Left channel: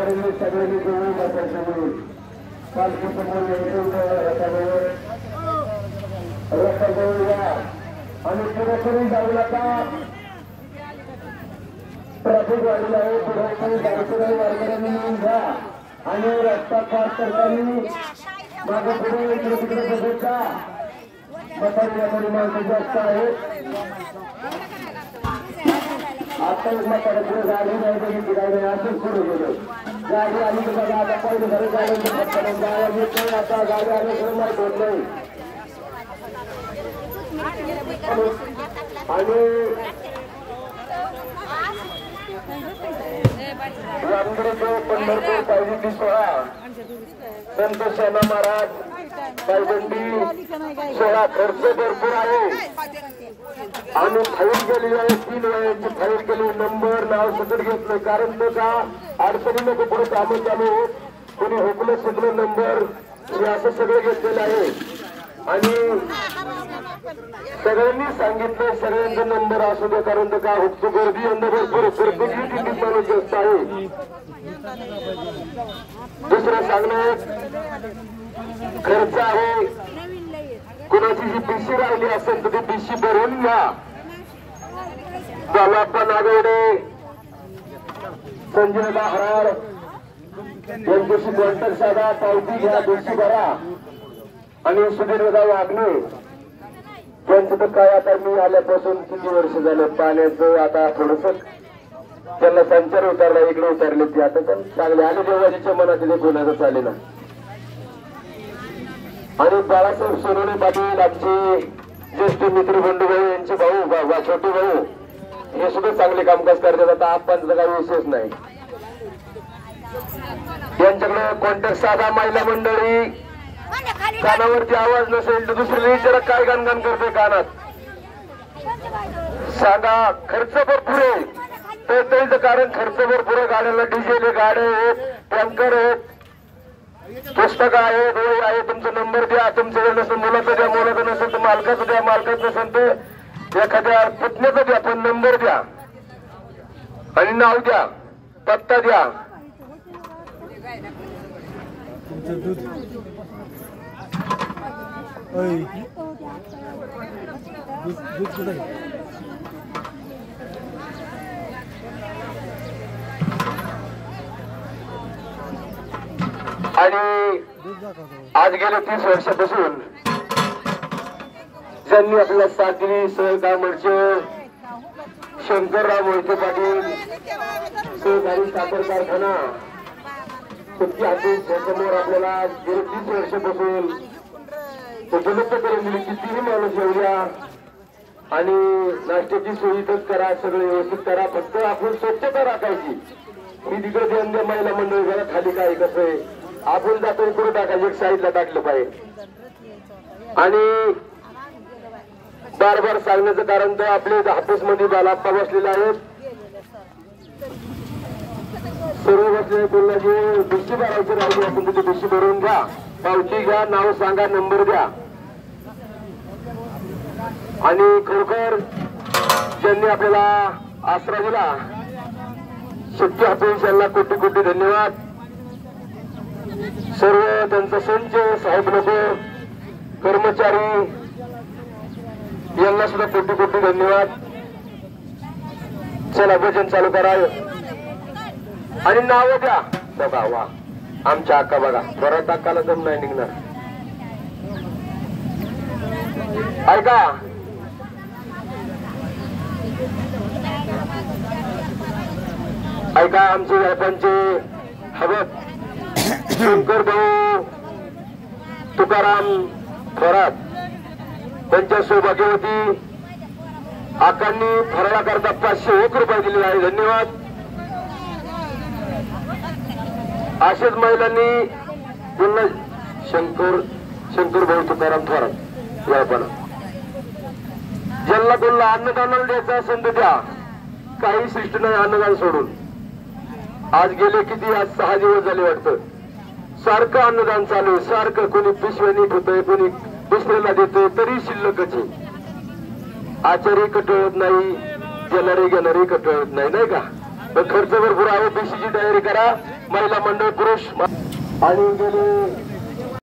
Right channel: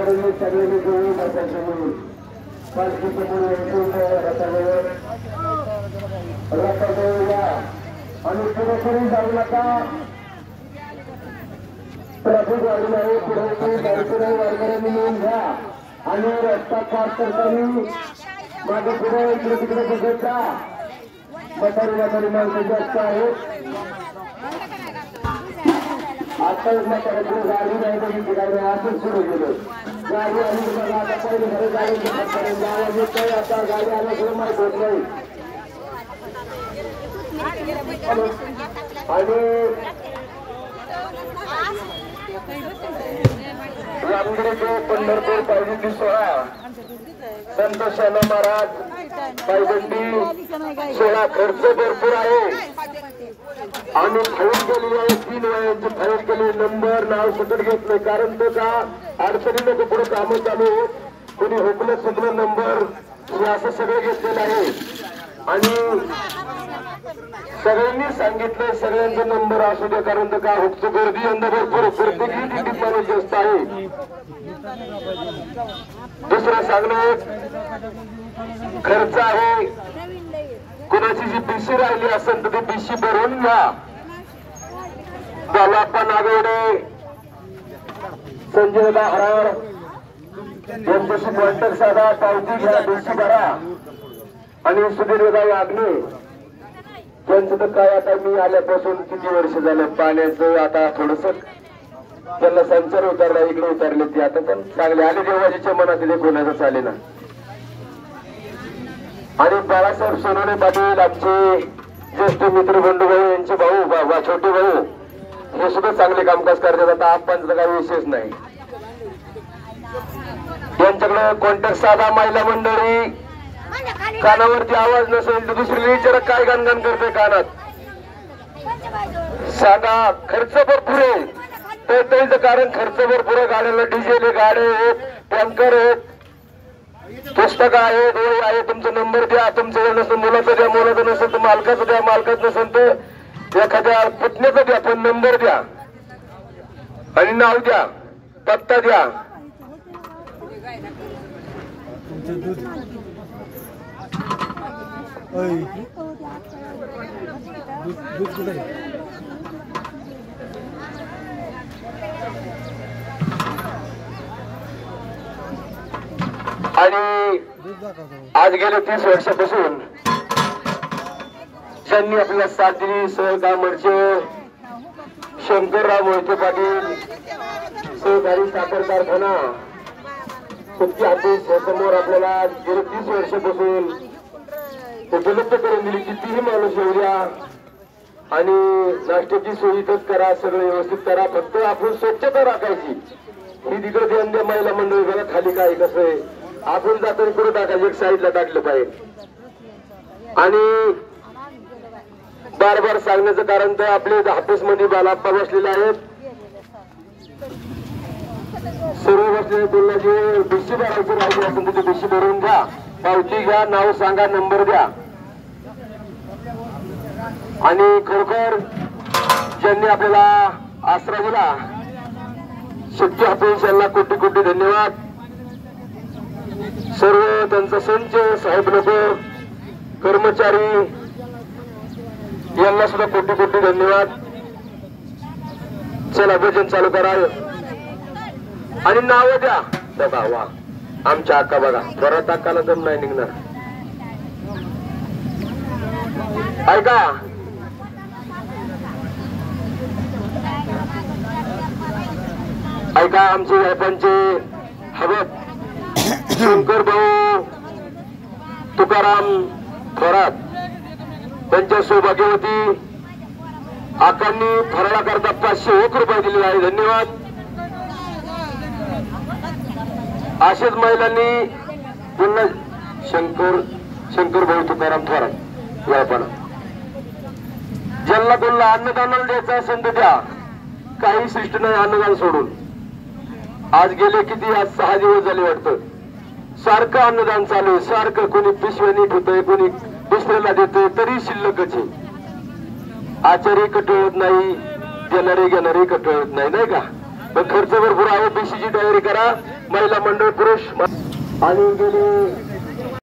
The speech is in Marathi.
सगळ्यांनी घेऊन बसायचं पालखी रस्ता या आणि पुढे करून जाऊ नका. ट्रॅफिक वाढीला आहे पुढे गाडीपुढे वारकऱ्यांनी मिळून घ्या आणि रस्ता क्रॉस करताना मागे पुढे इकडे तिकडे बसत जा. म्हातारी माणसं जास्त आहेत. आता म्हातारा पुढे गाडी नाही बघितली काय नाही असं सुरू केलं. गाडी आली तुम्हाला आता पहिले घरी गाडी आवाज येतोय. आता गाडी आल्याशिवाय माहित होत नाही. आणि पंढरपूर पायदुकी सोहळा संत शाना महाराज पायदंडी सोहळा भरपूर आहे आणि फाईल केली आहे. 3 वेळेची फाईल केली. नंबर नाव सगळं घेतलं कारण तो का अडचणीनं ते पुढे कामं चालू कोणी हुकलं सगळं नंबर हे असं सगळं घेतलेलं आहे. आणि सगळ्यांनी सांगितलं सगळ्यांचा नंबर असू दे कारण तो का हुकची गर्दी यंदा भरपूर प्रत्येकी किती माणूस जास्त आहे. दुसरं सांगणं खर्च आहे. कुणाची जी बीसी राहिली असेल तर ती बीसी भरून घ्या. त्याला पण आगेडे संजय हराळ यांच्याशी कॉन्टॅक्ट साधा पावती घ्या बीसी भरा. आणि सुधीरदा वागणे त्यांचं तर काय आता मी आल्यापासून किती वर्ष झाले पाण्याचं आता थोडस त्यांना संचार उतरला इकडे उतरले ते आता पण चांगले आले देवाजीच्या मनात ते कोणाचं चाले ना. आणि बाळासाहेब सोनवणे पाटील आमचे ज्येष्ठ मित्र बंधुभाऊ यांचे भाऊ छोटे भाऊ हे सुद्धा चांगले कामकाज करतात. आता आपांचा काही विशेष नाही. यांच्याकडे कॉन्टॅक्ट साधा. महिला मंडळी कानावरती आवाज नसेल तर दुसरं विचारा काय गाणगाण करतोय कानात सांगा. खर्च भरपूर आहे तर त्याचं कारण खर्च भरपूर आहे. गाड्याला डिझेल गाड्या आहेत टँकर आहेत पुस्तकं आहेत वही आहे. तुमचा नंबर द्या. तुमचं नसेल मुलाचं द्या. मुलाचं नसेल तर मालकाचं द्या. मालकाचं नसेल तर एखाद्या पत्नीचं द्या. पण नंबर द्या आणि नाव द्या पत्ता द्या. दूध कुठे आणि आज गेले 30 वर्षापासून ज्यांनी आपल्या साथ दिली सहकामरचे शंकरराव मोहिते पाटील सहकारी साखर कारखाना कुठची ऑफिस समोर आपल्याला गेले 30 वर्षापासून उपलब्ध करून दिली. कितीही माणूस येऊया आणि नाश्त्याची सोयीतच करा. सगळं व्यवस्थित करा. फक्त आपण स्वच्छता राखायची. ही तिकडे ध्यान द्या. महिला मंडळी घरा खाली काय कसं आहे आपण जातो पुढे टाकायचं एक साईडला टाकलं पाहिजे. आणि बार सांगण्याचं कारण तर आपले हापूस मध्ये बालाप्पा बसलेले आहेत. सर्व बसलेले बोलण्याचे बिशी भरायची राहिली आपण तिथे बिशी भरून घ्या. पावती घ्या. नाव सांगा. नंबर द्या. आणि खरोखर ज्यांनी आपल्याला आसरा दिला शक्ती हापूस यांना कोटी कोटी धन्यवाद. सर्व त्यांचा संच साहेब नको कर्मचारी यांना सुद्धा कोटी कोटी धन्यवाद. चला भजन चालू करा आणि नाव द्या. वा आमच्या अक्का बघा परत अक्काला दम नाही निघणार. ऐका ऐका आमचे व्यापांचे हवेत शंकर भाऊ तुकाराम थोरात त्यांच्या सौभाग्यवती आकांनी फराळाकरता 501 रुपये दिले आहे. धन्यवाद. असेच महिलांनी पुन्हा शंकर भाऊ तुकाराम थोरात व्यापार ज्यांना त्यांना अन्नदानाला द्यायचं असेल तर द्या. काही शिष्ट नाही अन्नदान सोडून. आज गेले किती आज 6 दिवस झाले वाटतं सारखं अन्नदान चालू आहे. सारखं कोणी पिशव्या नीट होतंय कोणी दुसऱ्याला देतोय तरी शिल्लकच आहे. आचारी कटळत नाही देणारे घेणारे कटळत नाही नाही का. खर्च भरपूर आहे. बीसीची तयारी करा. महिला मंडळ पुरुष आणि गेले